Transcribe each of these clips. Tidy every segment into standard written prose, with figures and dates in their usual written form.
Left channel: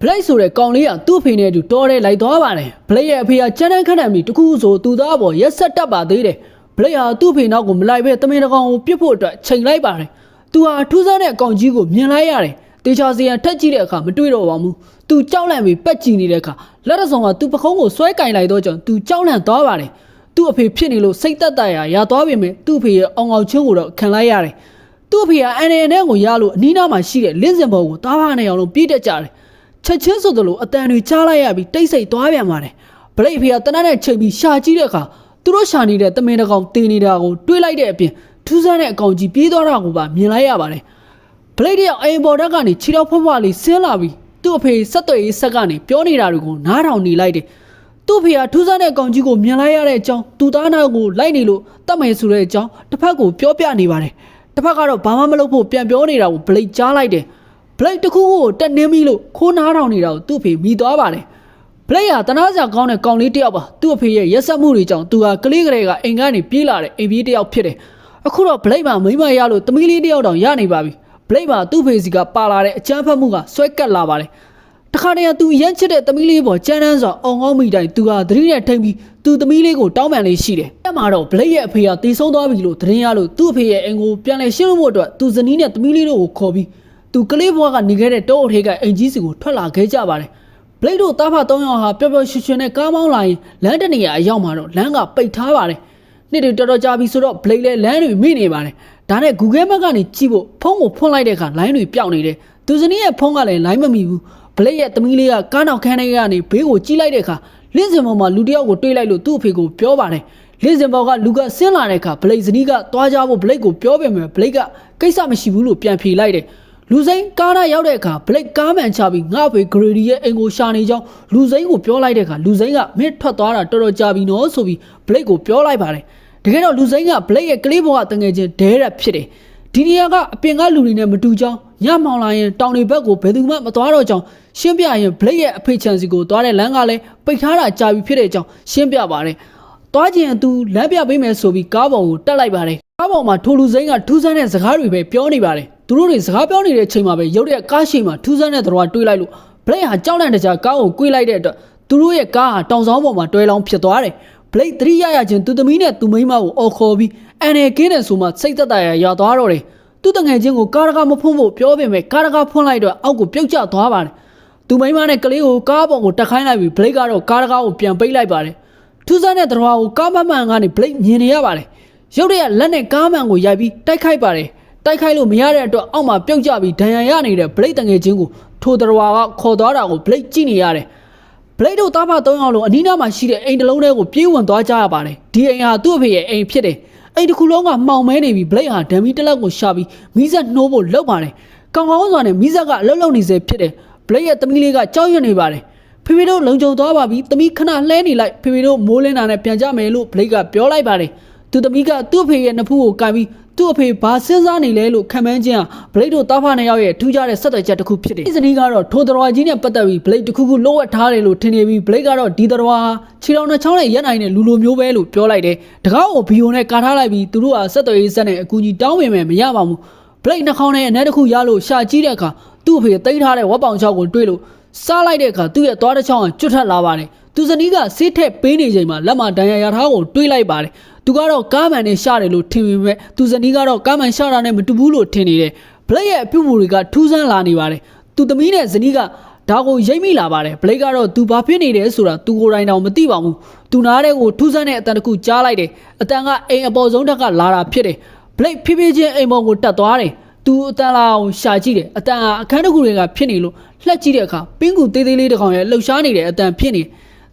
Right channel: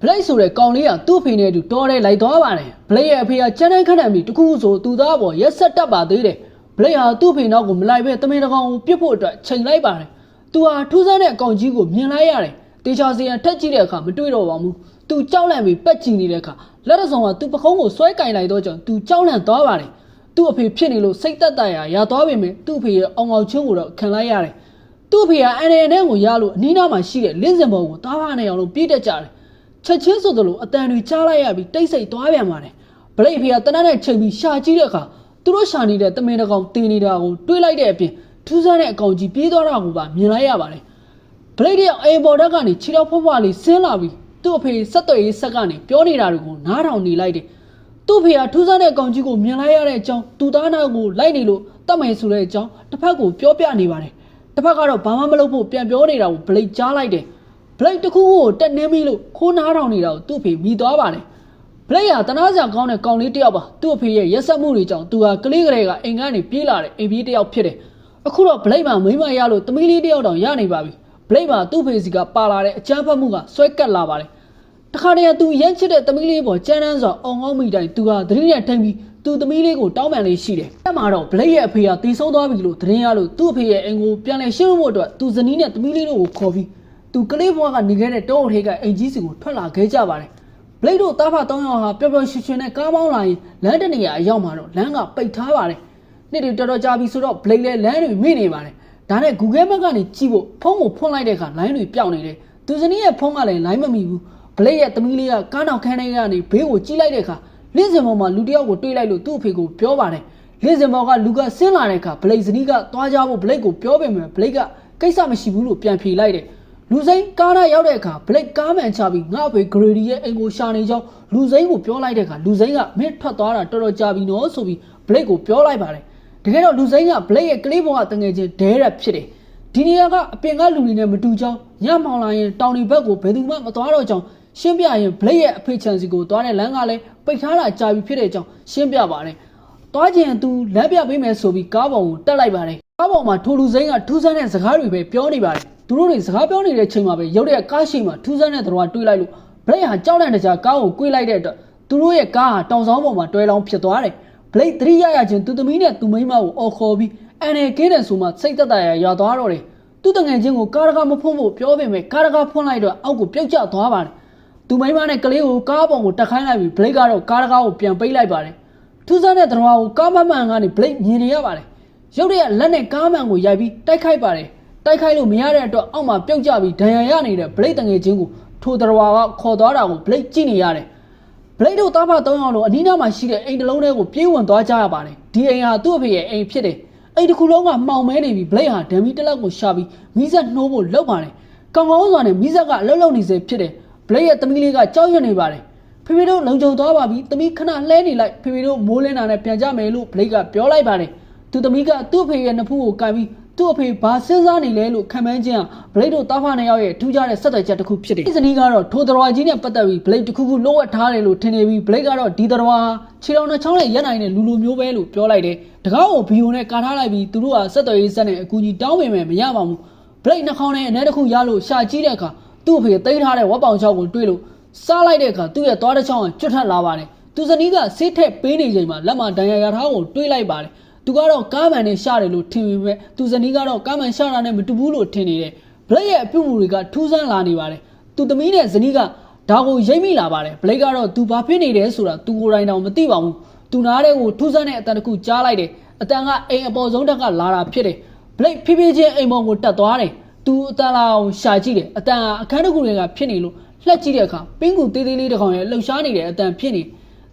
ဘလိုက်ဆိုတဲ့ကောင်လေးကသူ့ဖေနဲ့အတူတော်တယ်လိုက်သွားပါတယ်ဘလိတ်ရဲ့အဖေကကြမ်းတမ်းခန့်တယ်ပြီးတခုဆိုသူသားပေါ်ရက်ဆက်တက်ပါသေးတယ်ဘလိတ်ဟာသူ့ဖေနောက်ကိုမလိုက်ပဲတမင်တကောင်ကိုပြစ်ဖို့အတွက်ချိန်လိုက်ပါတယ်သူဟာထူးဆန်းတဲ့အကောင်ကြီးကိုမြင်လိုက်ရတယ်တေချာစီရန်ထက်ကြည့်တဲ့အခါမတွေ့တော့ပါဘူးသူကြောက်လန့်ပြီးပက်ကြည့်နေတဲ့အခါလက်ရဆောင်ကသူ့ပခုံးကိုဆွဲကင်လိုက်တော့ကြောင့်သူကြောက်လန့်သွားပါတယ်သူ့အဖေဖြစ်နေလို့စိတ်သက်သာရသွားပြီမယ်သူ့အဖေရဲ့အောင်အောင်ချင်းကိုတော့ခံလိုက်ရတယ်သူ့အဖေကအန်ရန်နဲ့ကိုရလို့အနီးနားမှာရှိတဲ့လင်းစင်ဘောကိုတားဖားနေအောင်လို့ပြေးတက်ကြတယ်ချက်ချင်းဆိုသလိုအတန်တွေကြားလိုက်ရပြီးတိတ်ဆိတ်သွားပြန်ပါတယ်ဘလိတ်ဖေကတနက်နဲ့ချိန်ပြီးရှာကြည့်တဲ့အခါသူတို့ရှာနေတဲ့တမင်တကောင်တင်နေတာကိုတွေးလိုက်တဲ့အပြင်ထူးဆန်းတဲ့အကောင်ကြီးပြေးသွားတာကိုပါမြင်လိုက်ရပါတယ်ဘလိတ်တယောက်အိမ်ပေါ်တက်ကနေခြေတော်ဖွားဖွားလေးဆင်းလာပြီးသူ့အဖေဆက်သွယ်ရေးဆက်ကနေပြောနေတာတွေကိုနားထောင်နေလိုက်တယ်သူ့ဖေကထူးဆန်းတဲ့အကောင်ကြီးကိုမြင်လိုက်ရတဲ့အကြောင်းသူသားနာကိုလိုက်နေလို့တတ်မယ်ဆိုတဲ့အကြောင်းတစ်ဖက်ကိုပြောပြနေပါတယ်တစ်ဖက်ကတော့ဘာမှမလုပ်ဖို့ပြန်ပြောနေတာကိုဘလိတ်ကြားလိုက်တယ်ဘလိတ်တစ်ခုကိုတက်နေပြီလို့ခိုးနားထောင်နေတာကိုသူ့ဖေမိသွားပါတယ်ဘလိတ်ဟာတနာစရာကောင်းတဲ့ကောင်လေးတစ်ယောက်ပါသူ့အဖေရဲ့ရက်စက်မှုတွေကြောင့်သူဟာကလေးကလေးကအိမ်ကနေပြေးလာတဲ့အိမ်ပြေးတစ်ယောက်ဖြစ်တယ်အခုတော့ဘလိတ်မှာမိမရလို့သမီးလေးတစ်ယောက်တောင်ရနေပါပြီဘလိတ်မှာသူ့ဖေစီကပါလာတဲ့အကြမ်းဖက်မှုကဆွဲကတ်လာပါတယ်တခါတည်းကသူရမ်းချစ်တဲ့သမီးလေးပေါ်ကြမ်းတမ်းစွာအောင်ကောင်းမိတိုင်းသူဟာသတိနဲ့ထိန်ပြီးသူသမီးလေးကိုတောင်းပန်လေးရှိတယ်အဲ့မှာတော့ဘလိတ်ရဲ့အဖေကတီးဆုံးသွားပြီလို့သတင်းရလို့သူ့အဖေရဲ့အိမ်ကိုပြန်လည်ရှင်းဖို့အတွက်သူဇနီးနဲ့သမီးလေးတို့ကိုခေါ်ပြီးသူကလေးဘွားကနေခဲ့တဲ့တောအုပ်ထိပ်ကအိမ်ကြီးစီကိုထွက်လာခဲ့ကြပါတယ်ဘလိတ်တို့တားဖ3ယောက်ဟာပျော်ပျော်ရွှင်ရွှင်နဲ့ကားမောင်းလာရင်လမ်းတနေရာအရောက်မှာတော့လမ်းကပိတ်ထားပါတယ်နေ့တွေတော်တော်ကြာပြီဆိုတော့ဘလိတ်လည်းလမ်းတွေမိနေပါတယ်ဒါနဲ့ Google Map ကနေကြည့်ဖို့ဖုန်းကိုဖွင့်လိုက်တဲ့အခါလိုင်းတွေပျောက်နေတယ်သူဇနီးရဲ့ဖုန်းကလည်းလိုင်းမမိဘူးဘလိတ်ရဲ့သမီးလေးကကားနောက်ခန်းထဲကနေဘေးကိုကြည့်လိုက်တဲ့အခါလင်းစင်ပေါ်မှာလူတစ်ယောက်ကိုတွေးလိုက်လို့သူ့အဖေကိုပြောပါတယ်လင်းစင်ပေါ်ကလူကဆင်းလာတဲ့အခါဘလိတ်ဇနီးကသွားကြဖို့ဘလိတ်ကိုပြောပေမဲ့ဘလိတ်ကကိစ္စမရှိဘူးလို့ပြန်ဖြေလိုက်တယ်လူစိမ်းကားနာရောက်တဲ့အခါဘလိတ်ကားမှန်ချပြီးငါ့အဖေဂရီဒီရဲ့အိမ်ကိုရှာနေကြောင်းလူစိမ်းကိုပြောလိုက်တဲ့အခါလူစိမ်းကမင်းထွက်သွားတာတော်တော်ကြာပြီနော်ဆိုပြီးဘလိတ်ကိုပြောလိုက်ပါတယ်တကယ်တော့လူစိမ်းကဘလိတ်ရဲ့ကလေးဘဝတငယ်ချင်းဒဲရက်ဖြစ်တယ်ဒီနေရာကအပြင်ကလူတွေနဲ့မတူကြောင်းညမောင်လာရင်တောင်တွေဘက်ကိုဘယ်သူမှမသွားတော့ကြောင်းရှင်းပြရင်ဘလိတ်ရဲ့အဖေချန်စီကိုသွားတဲ့လမ်းကလည်းပိတ်ထားတာကြာပြီဖြစ်တဲ့အကြောင်းရှင်းပြပါတယ်သွားခြင်းသူလမ်းပြပေးမယ်ဆိုပြီးကားပေါ်ကိုတက်လိုက်ပါတယ်ကားပေါ်မှာထိုလူစိမ်းကထူးဆန်းတဲ့စကားတွေပဲပြောနေပါတယ်သူတို့တွေစကားပြောနေတဲ့အချိန်မှာပဲရုတ်တရက်ကားရှိမှထူးဆန်းတဲ့တော်တွေးလိုက်လို့ဘလိတ်ဟာကြောက်လန့်တကြားကားကိုကွေးလိုက်တဲ့အတွက်သူတို့ရဲ့ကားဟာတောင်ဆောင်ပေါ်မှာတွဲလောင်းဖြစ်သွားတယ်ဘလိတ်သတိရရချင်းသူသမီးနဲ့သူမိန်းမကိုအော်ခေါ်ပြီးအန်နယ်ကင်းတယ်ဆိုမှစိတ်သက်သာရရောက်သွားတော့တယ်သူတငယ်ချင်းကိုကားတကားမဖွင့်ဖို့ပြောပေမဲ့ကားတကားဖွင့်လိုက်တော့အောက်ကိုပြုတ်ကျသွားပါတယ်သူမိန်းမနဲ့ကလေးကိုကားပေါ်ကိုတက်ခိုင်းလိုက်ပြီးဘလိတ်ကတော့ကားတကားကိုပြန်ပိတ်လိုက်ပါတယ်ထူးဆန်းတဲ့တော်ကိုကားမှန်ကနေဘလိတ်မြင်နေရပါတယ်ရုတ်တရက်လက်နဲ့ကားမှန်ကိုရိုက်ပြီးတိုက်ခိုက်ပါတယ်တိုက်ခိုက်လို့မရတဲ့အတွက်အောက်မှာပြုတ်ကျပြီးဒဏ်ရာရနေတဲ့ဘလိတ်တငယ်ချင်းကိုထိုတော်ကခေါ်သွားတာကိုဘလိတ်ကြည့်နေရတယ်ဘလိတ်တို့တားဖ3ယောက်လုံးအနီးနားမှာရှိတဲ့အိမ်တစ်လုံးထဲကိုပြေးဝင်သွားကြရပါတယ်ဒီအိမ်ဟာသူ့အဖေရဲ့အိမ်ဖြစ်တယ်အိမ်တစ်ခုလုံးကမှောင်မဲနေပြီးဘလိတ်ဟာဓမီတစ်လက်ကိုရှာပြီးမီးစက်နှိုးဖို့လုပ်ပါတယ်ကောင်းကောင်းစွာနဲ့မီးစက်ကအလုံးလုံးနေစေဖြစ်တယ်ဘလိတ်ရဲ့သမီးလေးကကြောက်ရွံ့နေပါတယ်ဖေဖေတို့လုံခြုံသွားပါပြီသမီးခဏလှဲနေလိုက်ဖေဖေတို့မိုးလင်းတာနဲ့ပြန်ကြမယ်လို့ဘလိတ်ကပြောလိုက်ပါတယ်သူသမီးကသူ့အဖေရဲ့နှဖူးကိုကန်ပြီးသူ့အဖေဘာစဉ်းစားနေလဲလို့ခံမှန်းခြင်းဟာဘလိတ်တို့တားဖ2ယောက်ရဲ့ထူးခြားတဲ့ဆက်သွယ်ချက်တစ်ခုဖြစ်တယ်ဒီဇနီးကတော့ထိုတော်ကြီးနဲ့ပတ်သက်ပြီးဘလိတ်တစ်ခုခုလိုအပ်ထားတယ်လို့ထင်နေပြီးဘလိတ်ကတော့ဒီတော်ဟာခြေတော်နှချောင်းနဲ့ရက်နိုင်တဲ့လူလိုမျိုးပဲလို့ပြောလိုက်တယ်တကားကိုဘီယိုနဲ့ကာထားလိုက်ပြီးသူတို့ဟာဆက်သွယ်ရေးဆက်နဲ့အကူကြီးတောင်းပေမဲ့မရပါဘူးဘလိတ်နှာခေါင်းနဲ့အနက်တစ်ခုရလို့ရှာကြည့်တဲ့အခါသူ့အဖေသိမ်းထားတဲ့ဝက်ပေါင်ချောက်ကိုတွေးလို့စားလိုက်တဲ့အခါသူ့ရဲ့သွားတစ်ချောင်းကကျွတ်ထက်လာပါတယ်သူဇနီးကဆေးထက်ပေးနေချိန်မှာလက်မဒဏ်ရာရထားကိုတွေးလိုက်ပါတယ်သူကတော့ကားမှန်နဲ့ရှာတယ်လို့ထင်ပေမဲ့သူဇနီးကတော့ကားမှန်ရှာတာနဲ့မတူဘူးလို့ထင်နေတယ်ဘလိတ်ရဲ့အပြုအမူတွေကထူးဆန်းလာနေပါတယ်သူသမီးနဲ့ဇနီးကဒါကိုရိပ်မိလာပါတယ်ဘလိတ်ကတော့သူဘာဖြစ်နေတယ်ဆိုတာသူကိုယ်တိုင်တော့မသိပါဘူးသူနားတဲ့ကိုထူးဆန်းတဲ့အတန်တစ်ခုကြားလိုက်တယ်အတန်ကအိမ်အပေါ်ဆုံးတက်ကလာတာဖြစ်တယ်ဘလိတ်ဖြည်းဖြည်းချင်းအိမ်ပေါ်ကိုတက်သွားတယ်သူအတန်လာအောင်ရှာကြည့်တယ်အတန်ကအခန်းတစ်ခုတွေကဖြစ်နေလို့လှက်ကြည့်တဲ့အခါပင်းကူသေးသေးလေးတစ်ကောင်ရဲ့လှုပ်ရှားနေတဲ့အတန်ဖြစ်နေ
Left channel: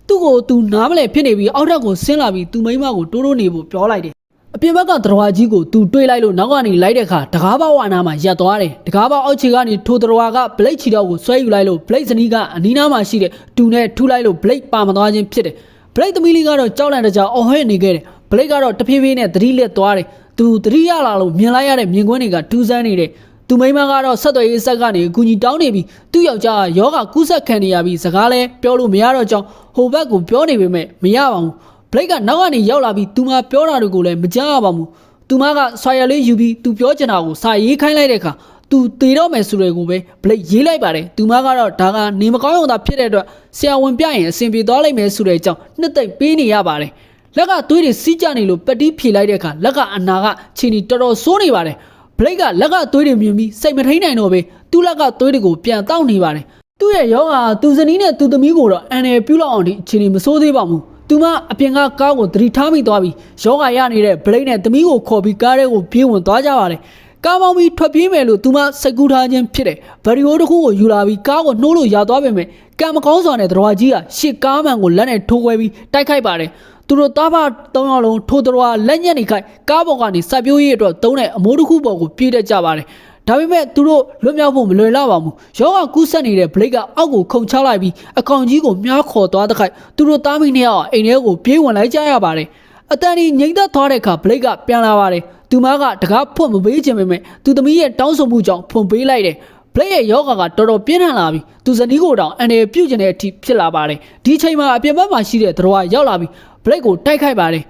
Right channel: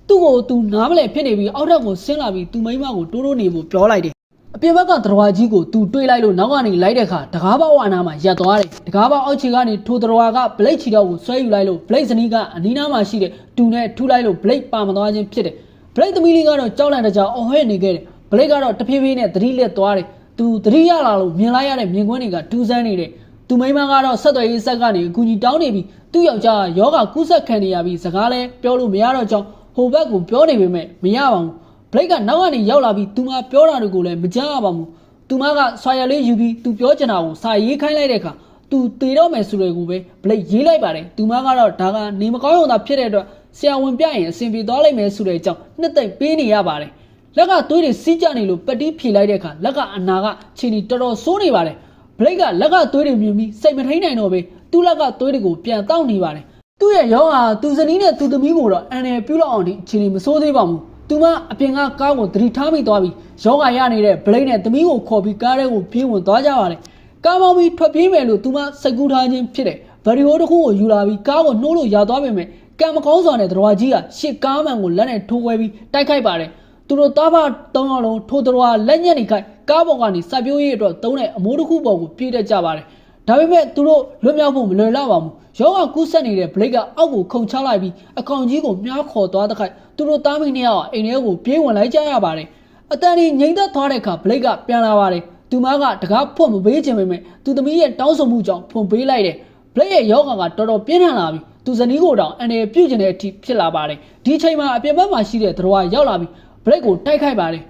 သူ့ကိုသူနားမလဲဖြစ်နေပြီးအောက်ထပ်ကိုဆင်းလာပြီးသူမိန်းမကိုတိုးတိုးနေဖို့ပြောလိုက်တယ်အပြင်ဘက်ကတော်ကြီးကိုသူတွေးလိုက်လို့နောက်ကနေလိုက်တဲ့အခါတကားပေါက်ဝါနာမှာရပ်သွားတယ်တကားပေါက်အောက်ခြေကနေထိုတော်ကဘလိတ်ချီတော့ကိုဆွဲယူလိုက်လို့ဘလိတ်ဇနီးကအနီးနားမှာရှိတဲ့တူနဲ့ထူလိုက်လို့ဘလိတ်ပါမသွားခြင်းဖြစ်တယ်ဘလိတ်သမီးလေးကတော့ကြောက်လန့်တကြားအော်ဟဲ့နေခဲ့တယ်ဘလိတ်ကတော့တဖြည်းဖြည်းနဲ့သတိလက်သွားတယ်သူသတိရလာလို့မြင်လိုက်ရတဲ့မြင်ကွင်းတွေကတူးဆန်းနေတယ်သူမိန်းမကတော့ဆက်သွယ်ရေးဆက်ကနေအကူကြီးတောင်းနေပြီးသူ့ယောက်ျားကယောဂကူးဆက်ခံနေရပြီးစကားလဲပြောလို့မရတော့ကြောင်းဟိုဘက်ကိုပြောနေပေမဲ့မရပါဘူးဘလိတ်ကနောက်ကနေရောက်လာပြီးသူမပြောတာတွေကိုလည်းမကြားရပါဘူးသူမကဆွာရလေးယူပြီးသူပြောချင်တာကိုစာရေးခိုင်းလိုက်တဲ့အခါ သူတေတော့မယ်ဆိုတဲ့ကိုပဲဘလိတ်ရေးလိုက်ပါတယ်သူမကတော့ဒါကနေမကောင်းရုံသာဖြစ်တဲ့အတွက်ဆရာဝန်ပြရင်အဆင်ပြေသွားလိမ့်မယ်ဆိုတဲ့အကြောင်းနှစ်သိမ့်ပေးနေရပါတယ်လက်ကသွေးတွေစီးကြနေလို့ပတိဖြေလိုက်တဲ့အခါလက်ကအနာကခြေနီတော်တော်ဆိုးနေပါတယ်ဘလိတ်ကလက်ကသွေးတွေမြင်ပြီးစိတ်မထိန်နိုင်တော့ပဲသူ့လက်ကသွေးတွေကိုပြန်တောက်နေပါတယ်သူ့ရဲ့ရောဂါသူဇနီးနဲ့သူသမီးကိုတော့အန်နယ်ပြုတ်လောက်အောင်ဒီခြေနီမဆိုးသေးပါဘူးသူမအပြင်ကကားကိုသတိထားမိသွားပြီးယောဂရနေတဲ့ဘလိတ်နဲ့သမီးကိုခေါ်ပြီးကားထဲကိုပြေးဝင်သွားကြပါတယ်ကားမောင်းပြီးထွက်ပြေးမယ်လို့သူမစိတ်ကူးထားခြင်းဖြစ်တယ်ဗရီယိုတစ်ခုကိုယူလာပြီးကားကိုနှိုးလို့ရသွားပေမဲ့ကံမကောင်းစွာနဲ့တော်ကြီးကရှစ်ကားမှန်ကိုလက်နဲ့ထိုးခွဲပြီးတိုက်ခိုက်ပါတယ်သူတို့သားဖ၃ယောက်လုံးထိုးတော်လက်ညက်နေခိုက်ကားပေါ်ကနေစိုက်ပျိုးရေးအတွက်သုံးတဲ့အမိုးတစ်ခုပေါ်ကိုပြေးတတ်ကြပါတယ်ဒါပေမဲ့သူတို့လွတ်မြောက်ဖို့မလွယ်လောက်ပါဘူးရောဂါကူးစက်နေတဲ့ဘလိတ်ကအောက်ကိုခုန်ချလိုက်ပြီးအကောင်ကြီးကိုမြားခေါ်သွားတဲ့ခိုက်သူတို့သားမိနှစ်ယောက်အိမ်ထဲကိုပြေးဝင်လိုက်ကြရပါတယ်အတန်ကြီးငိမ့်သက်သွားတဲ့အခါဘလိတ်ကပြန်လာပါတယ်သူမကတကားဖွင့်မပေးခြင်းပေမဲ့သူသမီးရဲ့တောင်းဆိုမှုကြောင့်ဖွင့်ပေးလိုက်တယ်ဘလိတ်ရဲ့ယောဂါကတော်တော်ပြင်းထန်လာပြီးသူဇနီးကိုတောင်အန်ရပြုတ်ကျင်တဲ့အထိဖြစ်လာပါတယ်ဒီချိန်မှာအပြင်ဘက်မှာရှိတဲ့တော်ရောက်လာပြီးဘလိတ်ကိုတိုက်ခိုက်ပါတယ်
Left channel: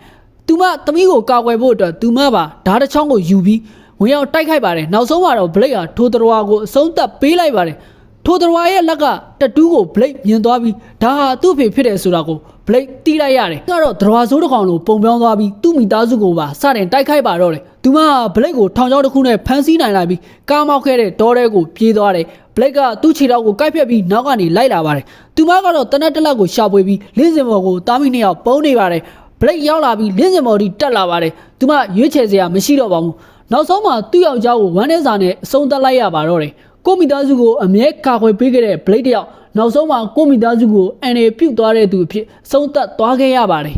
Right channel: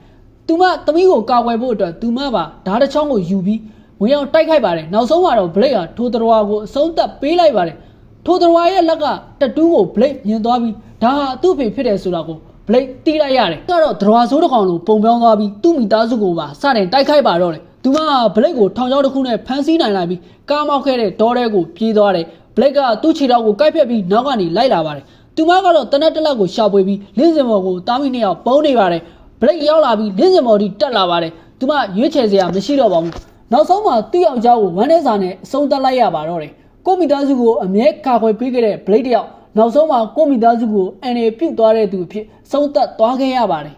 သူမသမီးကိုကာကွယ်ဖို့အတွက်သူမပါဓာတ်တစ်ချောင်းကိုယူပြီးဝင်ရောက်တိုက်ခိုက်ပါတယ်နောက်ဆုံးမှာတော့ဘလိတ်ဟာထိုတော်ကိုအဆုံးသတ်ပေးလိုက်ပါတယ်ထိုတော်ရဲ့လက်ကတတူးကိုဘလိတ်မြင်သွားပြီးဒါဟာသူ့ဖေဖြစ်တယ်ဆိုတာကိုဘလိတ်တီးလိုက်ရတယ်ကတော့တော်ဆိုးတစ်ကောင်လိုပုံပြောင်းသွားပြီးသူ့မိသားစုကိုပါစတင်တိုက်ခိုက်ပါတော့တယ်သူမဘလိတ်ကိုထောင်ချောင်းတစ်ခုနဲ့ဖမ်းဆီးနိုင်လိုက်ပြီးကားမောက်ခဲ့တဲ့တောထဲကိုပြေးသွားတယ်ဘလိတ်ကသူ့ခြေထောက်ကိုကိုက်ဖြတ်ပြီးနောက်ကနေလိုက်လာပါတယ်သူမကတော့တနက်တက်လက်ကိုရှာဖွေပြီးလင်းစင်မော်ကိုတားမိနှစ်ယောက်ပုံးနေပါတယ်ဘလိတ်ရောက်လာပြီးလင်းစင်မော်ဒီတက်လာပါတယ်သူမရွေးချယ်စရာမရှိတော့ပါဘူးနောက်ဆုံးမှာသူ့ယောက်ျားကိုဝမ်းထဲစာနဲ့အဆုံးသတ်လိုက်ရပါတော့တယ်ကိုမိသားစုကိုအမြဲကာကွယ်ပေးခဲ့တဲ့ဘလိတ်တယောက်နောက်ဆုံးမှာကိုမိသားစုကိုအန်ရပြုတ်သွားတဲ့သူအဖြစ်ဆုံးသက်သွားခဲ့ရပါတယ်